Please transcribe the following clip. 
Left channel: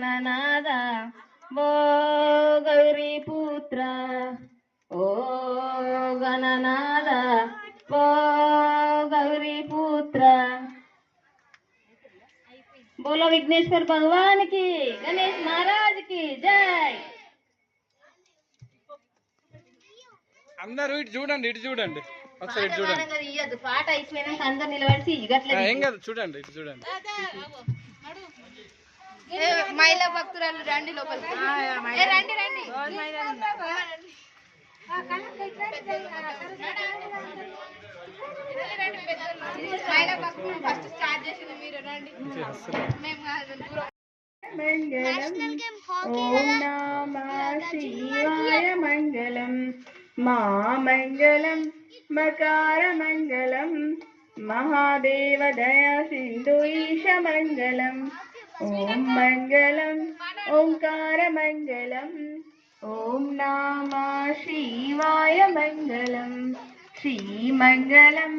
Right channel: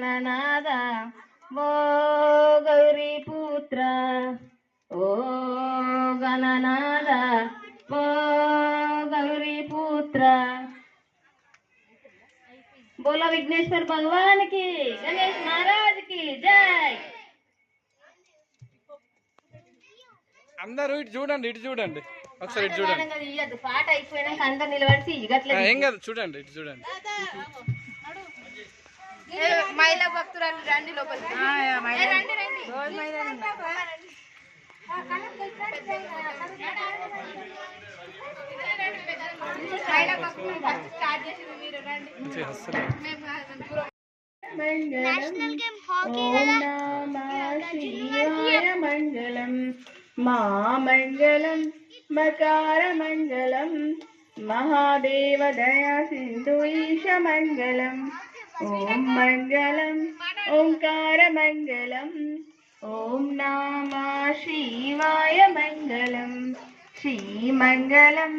गणनाथ वो गौरीपुत्र ओ गणनाथ वो गौरीपुत्र। बोलो विघ्नेश्वर भगवान की, गणेश महाराज की जय। అందరూ ఇటు చూడండి, ఇటు చూడండి, ఒకసారి ఇటు చూడండి. పాట అయిపోయినాక అందరు నిలబడి ఏం కాదు, చూడండి, ఇటు చూడండి. మహిళా భక్తురాలు రండి లోపలికి, రండి రండి. మహిళా భక్తులు ఫస్ట్ స్టార్ట్ చేసింది మీరు, రండి. మంగళం మామంగళం మకారమంగళం महादेव दया सिंधु ईश मंगलम ओम मंगलम ओंकार मंगलम ओम नमः शिवाय मंगलम श्री मंगलम